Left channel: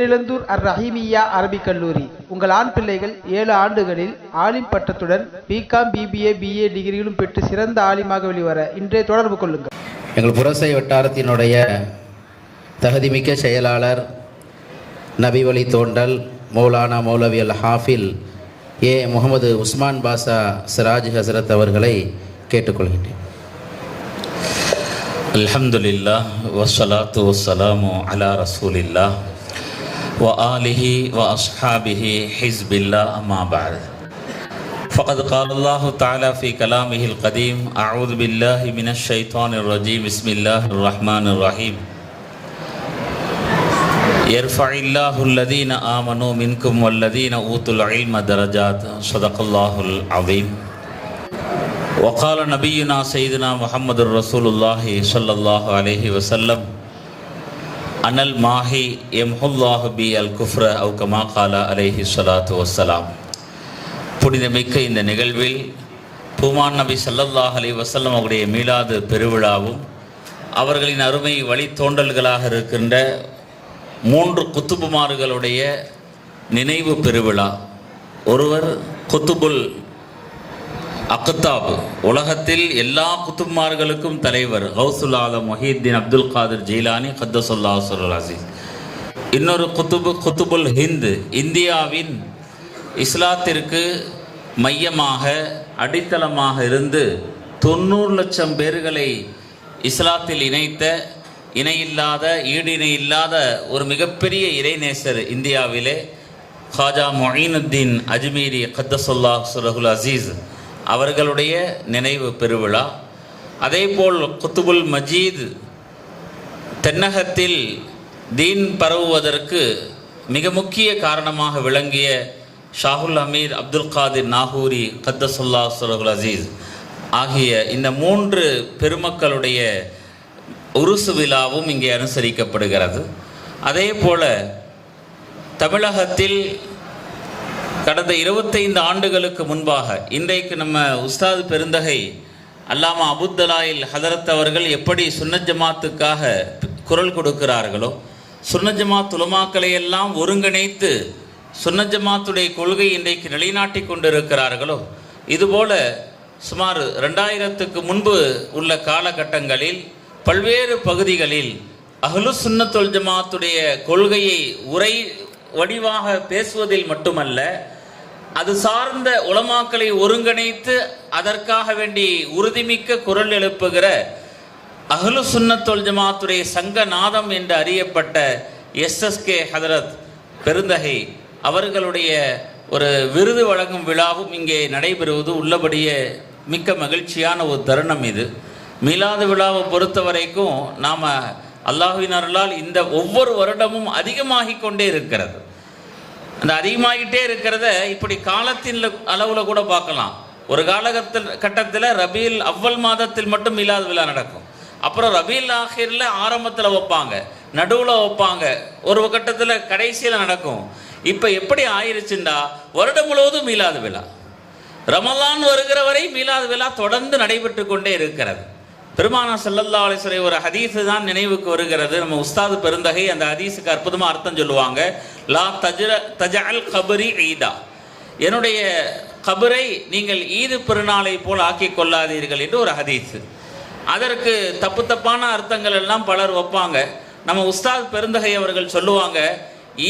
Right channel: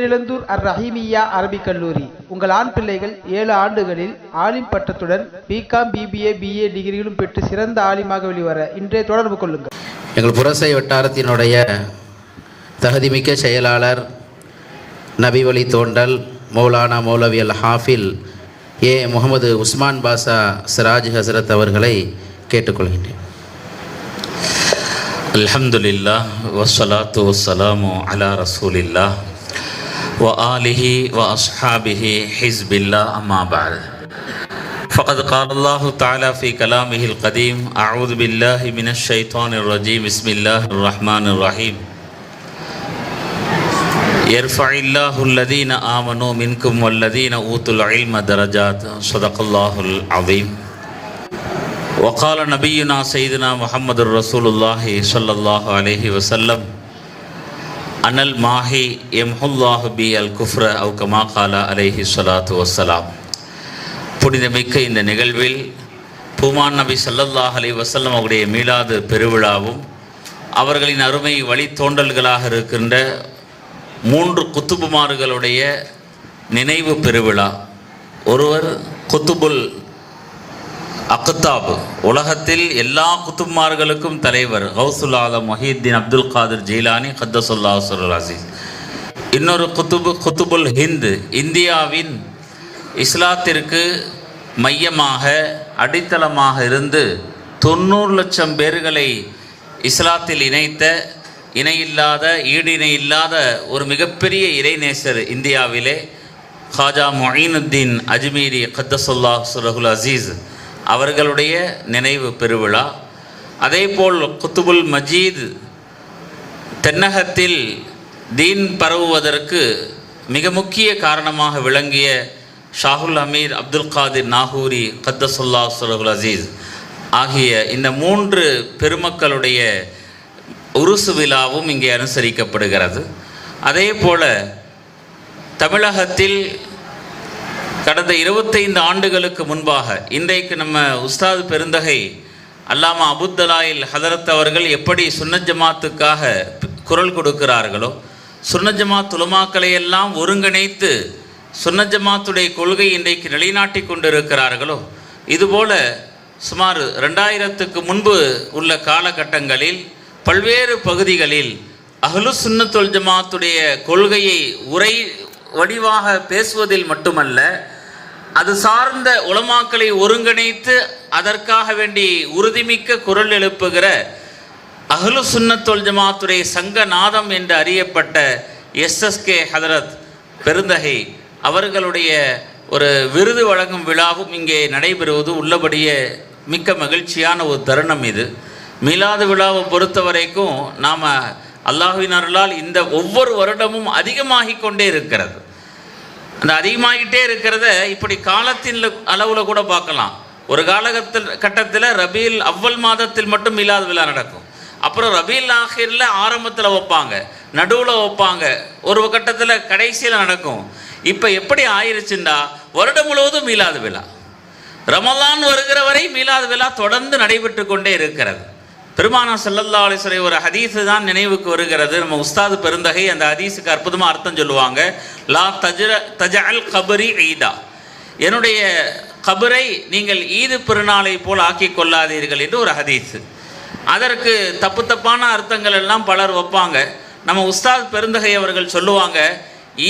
பேரிழந்தூர் அர் ரஹீமியா அரபிக் கல்லூரி. உங்கள் ஆண் பிள்ளைகள் ஏழு ஆண்டுகளில் ஆலிம் பட்டத்துடன் பிகாம் பிபிஏ பிஏ டிகிரிகளும் பெற்று சிறந்த ஆலிமாக வெளிவர இன்றைய தொடர்பு கொள்ளுங்கள். எங்கள் புரசை வட்டாரத்தினுடைய தகுதிமிக்க செயலாளர் நபிவழி தோண்டல் மௌலானா மௌலவி ஹாஃபில் ஏ. முகமது உஸ்மான் பாசா சிராஜ் ஹசரத் அவர்களை கேட்டுக்கொள்கின்றேன். அல்ஹம்துலில்லா வசலாத்து வசலாமு அலா ரசூலில்லா وآله وأصحابه حزب الله أما بعد. فقد قال الله تعالى في كلامه القديم أعوذ بالله من الشيطان الرجيم بسم الله الرحمن الرحيم. يرفع الله الذين آمنوا منكم والذين أوتوا العلم درجات صدق الله العظيم. وقال نبينا سيدنا محمد رسول الله صلى الله عليه وسلم அனல் மாஹி எம்ஹுல்லாஹு பி அல் குஃப்ர அவு கமா காலா அலேஹி சொலாத்து வசலாம் புனிதமிக்க இந்த நிகழ்வில் பூமான் நபி சல்லல்லாஹ் அலி வசல்லம் அவருடைய மீளாது பெருவிழாவும் அவர்களின் அருமை வழித்தோண்டல்களாக இருக்கின்ற மூன்று குத்துபுமார்களுடைய நினைவு பெருவிழா. ஒருவர் குத்துபுல் அக்தாப் உலகத்தில் எல்லா குத்துப்மார்களுக்கும் தலைவர் ஹவுசுல் ஆலம் மொஹீத்தீன் அப்துல் காதிர் ஜெயிலானி ஹத்தசுல்லா சுர் அசீஸ். இன்னொரு குத்துபு குத்துபுல் ஹிந்து இந்தியாவின் இஸ்லாத்திற்கு மையமாக அடித்தளமாக இருந்து தொண்ணூறு லட்சம் பேர்களை இஸ்லாத்தில் இணைத்த இணையில்லாத ஈடிணை இல்லாத ஒரு மிகப்பெரிய இறைநேசர் இந்தியாவிலே ஹாஜா மொயினுத்தீன் அஜ்மீரி கத்தசுல்லா சுரகுல் அசீஸ். அவர்களுடைய நினைவு பெருவிழா. அதேபோல் குத்துபுல் மஜீத் தென்னகத்தில் தீன் பரவுவதற்கு மிக முக்கிய காரணமாக விளங்கிய ஷாகுல் அமீர் அப்துல் காதிர் நாகூரி கத்தசுல்லா சுலகுல் அசீஸ் ஆகிய இந்த மூன்று பெருமக்களுடைய உருசு விழாவும் இங்கே அனுசரிக்கப்படுகிறது. அதே போல தமிழகத்தில் கடந்த இருபத்தைந்து ஆண்டுகளுக்கு முன்பாக இன்றைக்கு நம்ம உஸ்தாது பெருந்தகை அல்லாமா அபுத்தலாயில் ஹதரத் அவர்கள் எப்படி சுன்னத் ஜமாத்துக்காக குரல் கொடுக்கிறார்களோ சுன்னத் ஜமாத் உலமாக்களை எல்லாம் ஒருங்கிணைத்து சுன்னத் ஜமாத்துடைய கொள்கை இன்றைக்கு நிலைநாட்டி கொண்டிருக்கிறார்களோ இதுபோல சுமார் ரெண்டாயிரத்துக்கு முன்பு உள்ள காலகட்டங்களில் பல்வேறு பகுதிகளில் அகலு சுன்னத்துல் ஜமாத்துடைய கொள்கையை உரை வடிவாக பேசுவதில் மட்டுமல்ல அது சார்ந்த உலமாக்களை ஒருங்கிணைத்து அதற்காக வேண்டி உறுதிமிக்க குரல் எழுப்புகிற அகலு சுன்னத்தொல் ஜமாத்துடைய சங்க நாதம் என்று அறியப்பட்ட எஸ்எஸ்கே ஹதரத் பெருந்தகை அவர்களுடைய ஒரு விருது வழங்கும் விழாவும் இங்கே நடைபெறுவது உள்ளபடியே மிக்க மகிழ்ச்சியான ஒரு தருணம் இது. மீலாது விழாவை பொறுத்த வரைக்கும் நாம் அல்லாஹுவின் அருளால் இந்த ஒவ்வொரு வருடமும் அதிகமாகிக் கொண்டே இருக்கிறது. அந்த அதிகமாகிட்டே இருக்கிறத இப்படி காலத்தின் அளவில் கூட பார்க்கலாம். ஒரு காலகத்தில் கட்டத்தில் ரபீல் அவ்வல் மாதத்தில் மட்டும் இல்லாத விழா நடக்கும். அப்புறம் ரபீல் ஆஹிரில் ஆரம்பத்தில் வைப்பாங்க நடுவில் வைப்பாங்க ஒரு கட்டத்தில் கடைசியில் நடக்கும். இப்போ எப்படி ஆயிருச்சுண்டா? வருடம் முழுவதும் மீலாது விழா. ரமலான் வருகிற வரை மீலாது விழா தொடர்ந்து நடைபெற்று கொண்டே இருக்கிறது. பெருமானா செல்லல்லா அலிஸ்வரை ஒரு ஹதீஸு தான் நினைவுக்கு வருகிறது. நம்ம உஸ்தாது பெருந்தகை அந்த ஹதீஸுக்கு அற்புதமாக அர்த்தம் சொல்லுவாங்க. லா தஜர தஜால் கபரி ஈதா. என்னுடைய கபரை நீங்கள் ஈது பெருநாளை போல் ஆக்கி கொள்ளாதீர்கள் என்று ஒரு ஹதீஸ். அதற்கு தப்பு தப்பான அர்த்தங்கள் எல்லாம் பலர் வைப்பாங்க. நம்ம உஸ்தாத் பெருந்தகை அவர்கள் சொல்லுவாங்க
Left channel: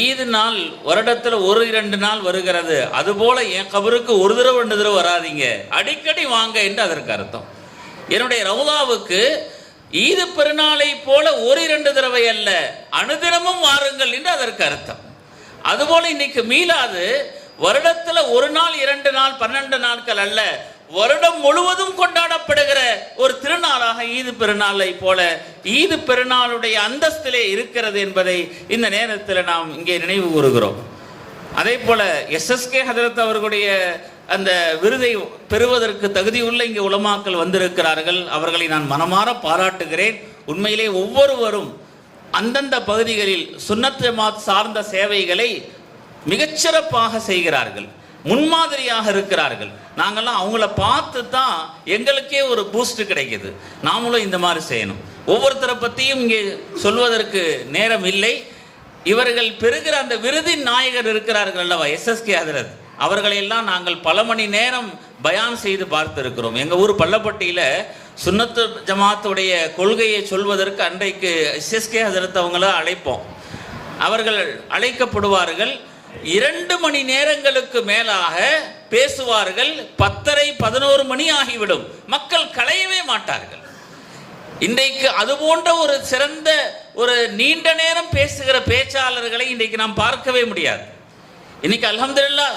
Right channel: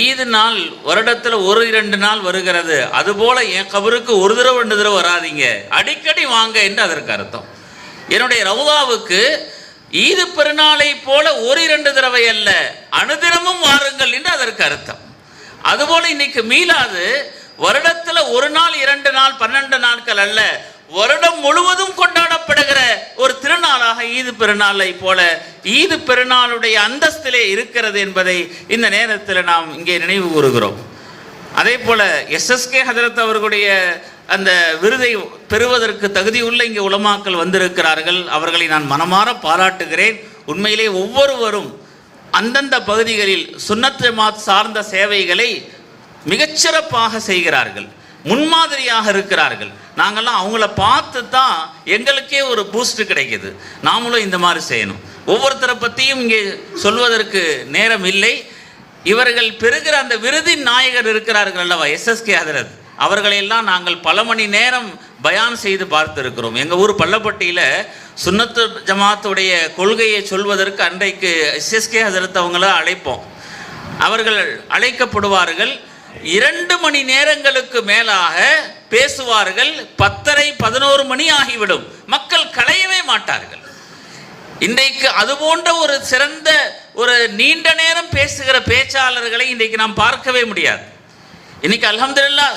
ஈது நாள் வருடத்தில் ஒரு இரண்டு நாள் வருகிறது. அதுபோல என் கபருக்கு ஒரு தடவை ரெண்டு தடவை வராதீங்க. அடிக்கடி வாங்க என்று அதற்கு அர்த்தம். என்னுடைய ரவுதாவுக்கு ஈது பெருநாளை போல ஒரு இரண்டு தடவை அல்ல அனுதினமும் வாருங்கள் என்று அதற்கு அர்த்தம். அதுபோல இன்னைக்கு மீளாது வருடத்துல ஒரு நாள் இரண்டு நாள் பன்னெண்டு நாட்கள் அல்ல வருடம் முழுவதும் கொண்டாடப்படுகிற ஒரு திருநாளாக ஈது பெருநாளை போல ஈது பெருநாளுடைய அந்தஸ்திலே இருக்கிறது என்பதை இந்த நேரத்தில் நாம் இங்கே நினைவு கூறுகிறோம். அதே போல எஸ்எஸ்கே ஹதரத் அவர்களுடைய அந்த விருதை பெறுவதற்கு தகுதியுள்ள இங்கே உலமாக்கள் வந்திருக்கிறார்கள். அவர்களை நான் மனமாற பாராட்டுகிறேன். உண்மையிலே ஒவ்வொருவரும் அந்தந்த பகுதிகளில் சுன்னத் சார்ந்த சேவைகளை மிகச்சிறப்பாக செய்கிறார்கள். முன்மாதிரியாக இருக்கிறார்கள். நாங்கெல்லாம் அவங்கள பார்த்து தான் எங்களுக்கே ஒரு பூஸ்ட் கிடைக்குது. நாமளும் இந்த மாதிரி செய்யணும். ஒவ்வொருத்தரை பற்றியும் இங்கே சொல்வதற்கு நேரம் இல்லை. இவர்கள் பெறுகிற அந்த விருதின் நாயகர் இருக்கிறார்கள் அல்லவா? எஸ்எஸ்கே அதிரத் அவர்களையெல்லாம் நாங்கள் பல மணி நேரம் பயான் செய்து பார்த்திருக்கிறோம். எங்கள் ஊர் பள்ளப்பட்டியில் சுன்னத்து ஜமாத்துடைய கொள்கையை சொல்வதற்கு அன்றைக்கு எஸ்எஸ்கே ஹசரத் அவங்கள அழைப்போம். அவர்கள் அழைக்கப்படுவார்கள். இரண்டு மணி நேரங்களுக்கு மேலாக பேசுவார்கள். பத்தரை பதினோரு மணி ஆகிவிடும். மக்கள் களையவே மாட்டார்கள். இன்றைக்கு அது போன்ற ஒரு சிறந்த ஒரு நீண்ட நேரம் பேசுகிற பேச்சாளர்களை இன்றைக்கு நாம் பார்க்கவே முடியாது. இன்னைக்கு அலமதுல்லா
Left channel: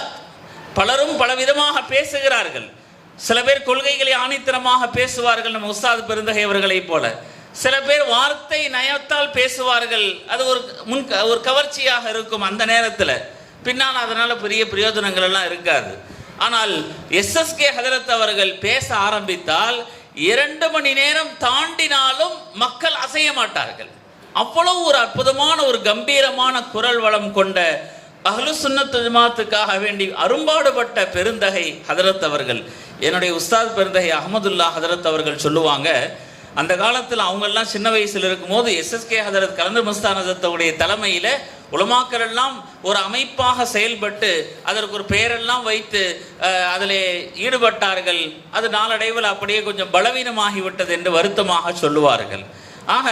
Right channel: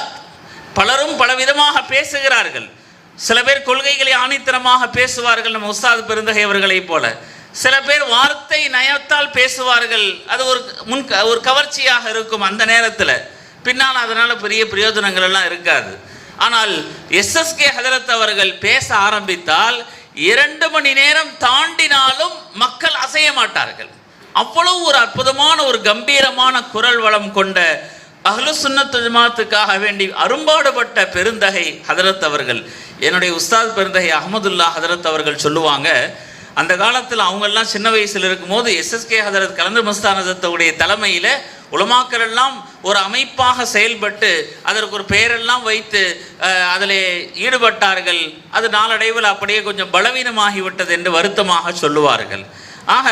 பலரும் பலவிதமாக பேசுகிறார்கள். சில பேர் கொள்கைகளை ஆணித்தனமாக பேசுவார்கள் நம்ம உஸ்தாத் பெருந்தகை அவர்களைப் போல. சில பேர் வார்த்தை நயத்தால் பேசுவார்கள். அது ஒரு முன் ஒரு கவர்ச்சியாக இருக்கும் அந்த நேரத்தில். பின்னால் அதனால பெரிய பிரயோஜனங்கள் எல்லாம் இருக்காது. ஆனால் எஸ்எஸ்கே ஹதரத் அவர்கள் பேச ஆரம்பித்தால் இரண்டு மணி நேரம் தாண்டினாலும் மக்கள் அசைய மாட்டார்கள். அவ்வளவு ஒரு அற்புதமான ஒரு கம்பீரமான குரல் வளம் கொண்ட அகலு சுன்னத் ஜமாத்துக்காக வேண்டி அரும்பாடுபட்ட பெருந்தகை ஹதரத் அவர்கள். என்னுடைய உஸ்தாத் பெருந்தகை அகமதுல்லா ஹதரத் அவர்கள் சொல்லுவாங்க அந்த காலத்தில் அவங்கெல்லாம் சின்ன சின்ன இருக்கும் இருக்கும்போது எஸ்எஸ்கே ஹதரத் கலந்து மஸ்தானதத்துடைய தலைமையில உலமாக்கள் எல்லாம் ஒரு அமைப்பாக செயல்பட்டு அதற்கு ஒரு பெயரெல்லாம் வைத்து அதில் ஈடுபட்டார்கள். அது நாளடைவில் அப்படியே கொஞ்சம் பலவீனமாகிவிட்டது என்று வருத்தமாக சொல்லுவார்கள். ஆக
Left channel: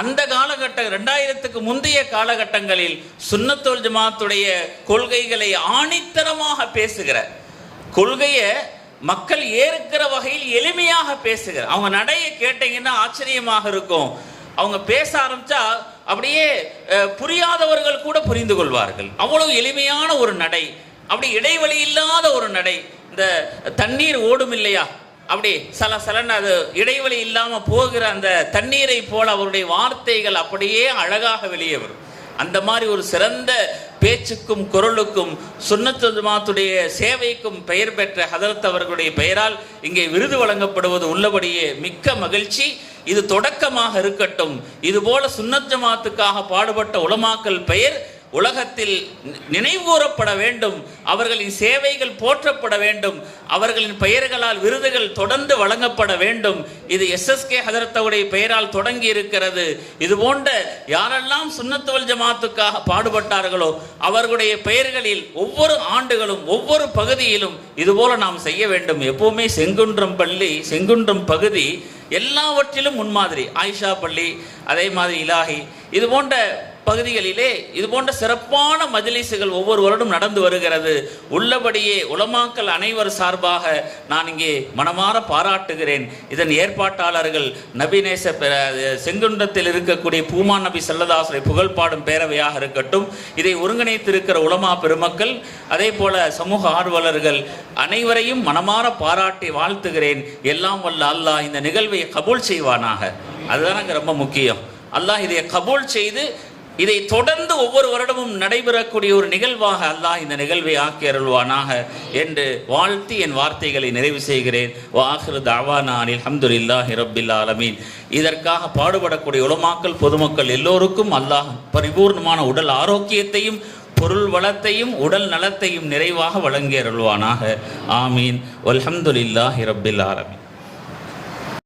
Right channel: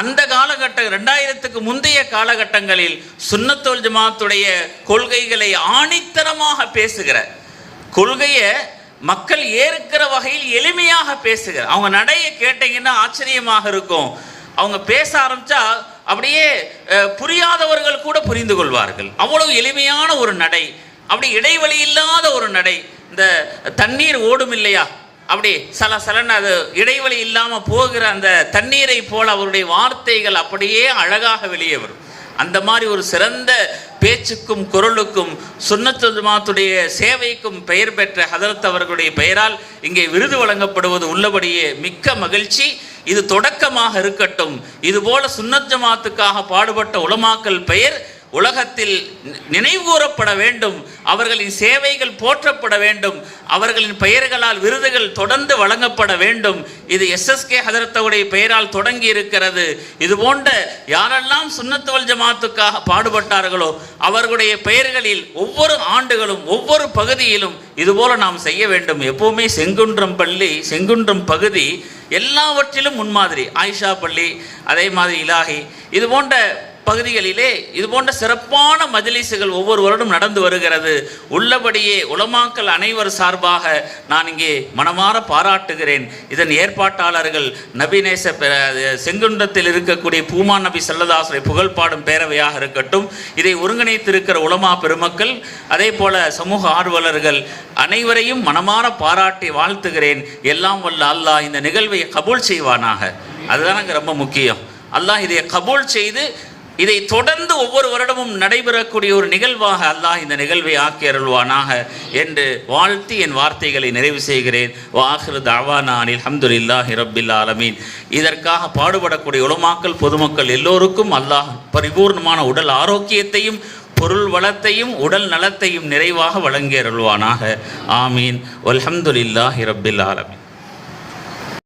அந்த காலகட்ட ரெண்டாயிரத்துக்கு முந்தைய காலகட்டங்களில் சுன்னத்தோல் ஜமாத்துடைய கொள்கைகளை ஆணித்தரமாக பேசுகிற கொள்கையை மக்கள் ஏற்கிற வகையில் எளிமையாக பேசுகிற அவங்க நடைய கேட்டீங்கன்னா ஆச்சரியமாக இருக்கும். அவங்க பேச ஆரம்பிச்சா அப்படியே புரியாதவர்கள் கூட புரிந்து கொள்வார்கள். அவ்வளவு எளிமையான ஒரு நடை. அப்படி இடைவெளி இல்லாத ஒரு நடை. இந்த தண்ணீர் ஓடும் இல்லையா? அப்படி சல சலன்னு அது இடைவெளி இல்லாமல் போகிற அந்த தண்ணீரை போல அவருடைய வார்த்தைகள் அப்படியே அழகாக வெளியே வரும். அந்த மாதிரி ஒரு சிறந்த பேச்சுக்கும் குரலுக்கும் சுன்னத்துல் ஜமாத்துடைய சேவைக்கும் பெயர் பெற்ற ஹதரத் அவர்களுடைய பெயரால் இங்கே விருது வழங்கப்படுவது உள்ளபடியே மிக்க மகிழ்ச்சி. இது தொடக்கமாக இருக்கட்டும். இது போல சுன்னத் ஜமாத்துக்காக பாடுபட்ட உலமாக்கல் பெயர் உலகத்தில் நினைவுகூரப்பட வேண்டும். அவர்களின் சேவைகள் போற்றப்பட வேண்டும். அவர்களின் பெயர்களால் விருதுகள் தொடர்ந்து வழங்கப்பட வேண்டும். இது எஸ்எஸ்கே ஹதரத்தவுடைய பெயரால் தொடங்கி இருக்கிறது இது போன்ற யாரெல்லாம் சுண்ணத்தோல் ஜமாத்துக்காக பாடுபட்டார்களோ அவர்களுடைய பெயர்களில் ஒவ்வொரு ஆண்டுகளும் ஒவ்வொரு பகுதியிலும் இதுபோல நாம் செய்ய வேண்டும். எப்பவுமே செங்குன்றம் பள்ளி செங்குன்றம் பகுதி எல்லாவற்றிலும் முன்மாதிரி. ஆயிஷா பள்ளி அதே மாதிரி இலாகி இது போன்ற பகுதிகளிலே இது போன்ற சிறப்பான மஜ்லிஸுகள் ஒவ்வொரு வருடம் நடந்து வருகிறது. உள்ளபடியே உலமாக்கல் அனைவர் சார்பாக நான் இங்கே மனமாற பாராட்டுகிறேன். இதன் ஏற்பாட்டாளர்கள் நபிநேச பெ- செங்குன்றத்தில் இருக்கக்கூடிய பூமா நபி செல்லதாசரை புகழ் பாடும் பேரவையாக இருக்கட்டும். இதை ஒருங்கிணைத்திருக்கிற உலமா பெருமக்கள் அதே போல சமூக ஆர்வலர்கள் அனைவரையும் மனமாற பாராட்டி வாழ்த்துகிறேன். எல்லாம் வல்ல அல்லாஹ் இந்த நிகழ்வை கபூல் செய்வானாக. அதுதான் எனக்கு ரொம்ப முக்கியம். அல்லாஹ் இதை கபூல் செய்து இதை தொடர்ந்து ஒவ்வொரு வருடமும் நடைபெறக்கூடிய ஒரு நிகழ்வாக அல்லாஹ் இந்த நிகழ்வை ஆக்கி அருள்வானாக என்று வாழ்த்தி என் வார்த்தைகளை நிறைவு செய்கிறேன். வாஹிரு தாவானானில் அல்ஹம்துலில்லாஹி ரப்பில் ஆலமீன். இதற்காக பாடுபடக்கூடிய உலமாக்கல் பொதுமக்கள் எல்லோருக்கும் அல்லாஹ் பரிபூர்ணமான உடல் ஆரோக்கியத்தையும் பொருள் வளத்தையும் உடல் நலத்தையும் நிறைவாக வழங்கி அருள்வானாக. ஆமீன். அலமதுல்லாஹி ரபில் ஆலமீன்.